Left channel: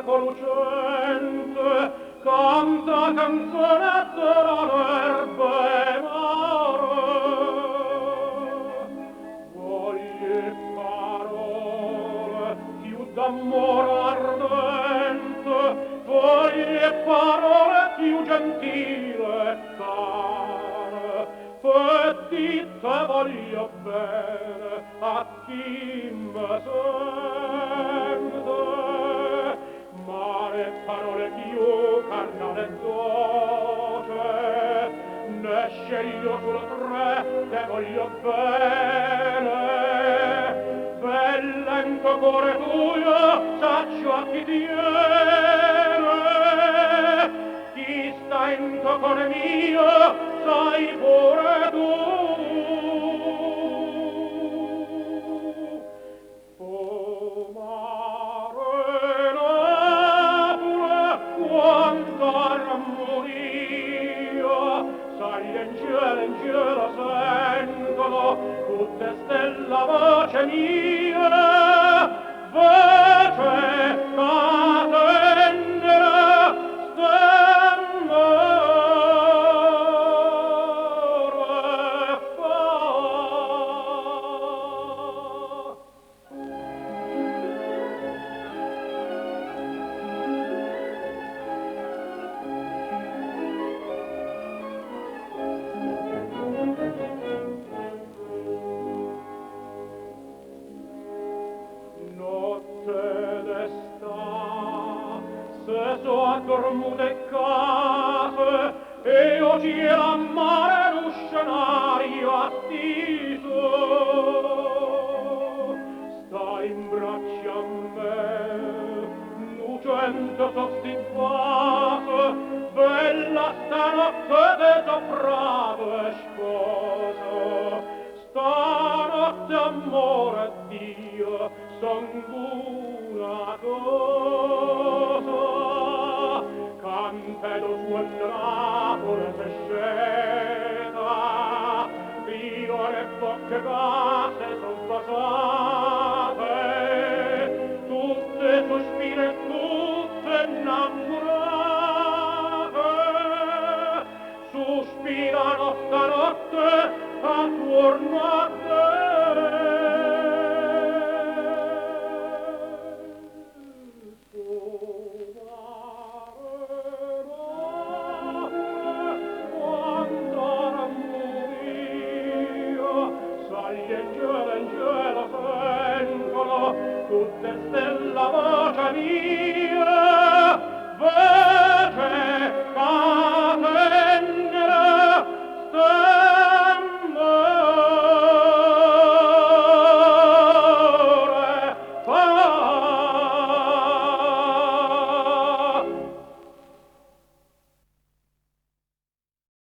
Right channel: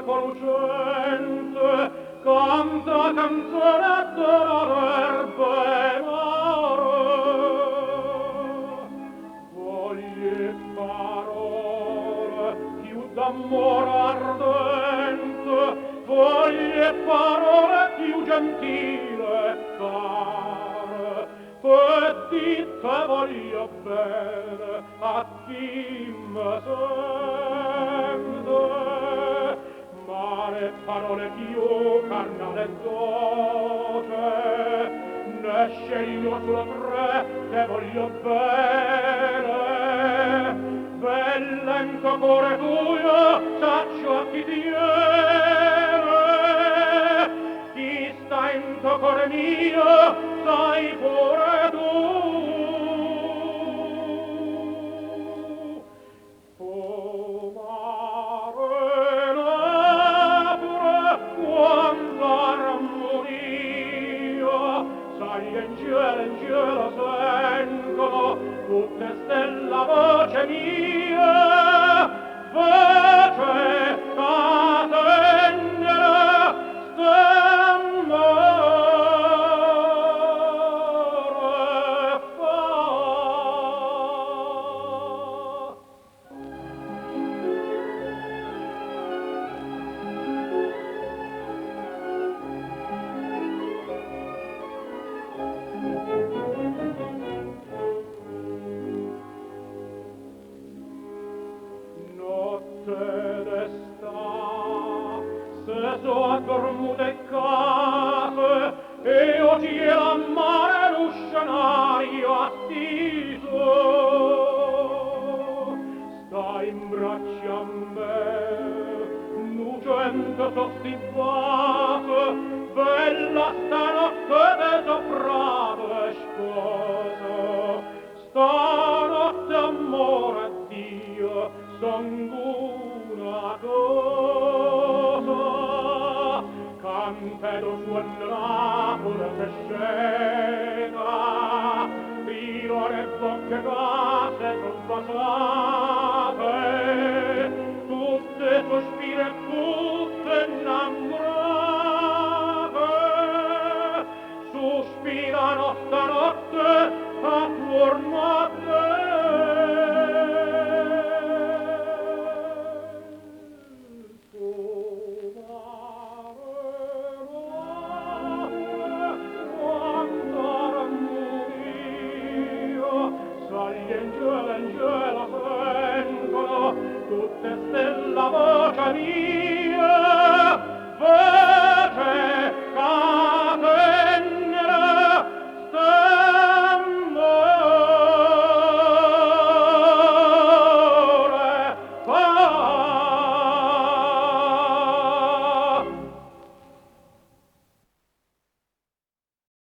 eco lucente canta canzonetta d'erbe mare. Voglie parole più d'amor ardente, voglie parole più gentile e care, e dite voglio bene a chi me sente. Mare parole più carnale e dolce, ne sceglio solo tre che voglio bene. Bel lento cuore tuo, saccio a chi tiene. Chi sta in tuo cuore mio, sai pure tu. O mare napure, quanta armonia, sai gli angeli sentono tutte stella voce mia, voce catendere stemmore fa. Notte d'esta, se so addormute case, e o cielo a mare lo scenario astiso, sta in braccia a me, lucente sostivase, bella stanotte de soprato e sposo, stanotte amore Dio, son una cosa, cantedo suonerà pure se scena, tiro le bocche case son basate, tutte sospire, tutte innamorate, sospirano stanotte attorno a te. Gli angeli sentono tutte stella voce mia,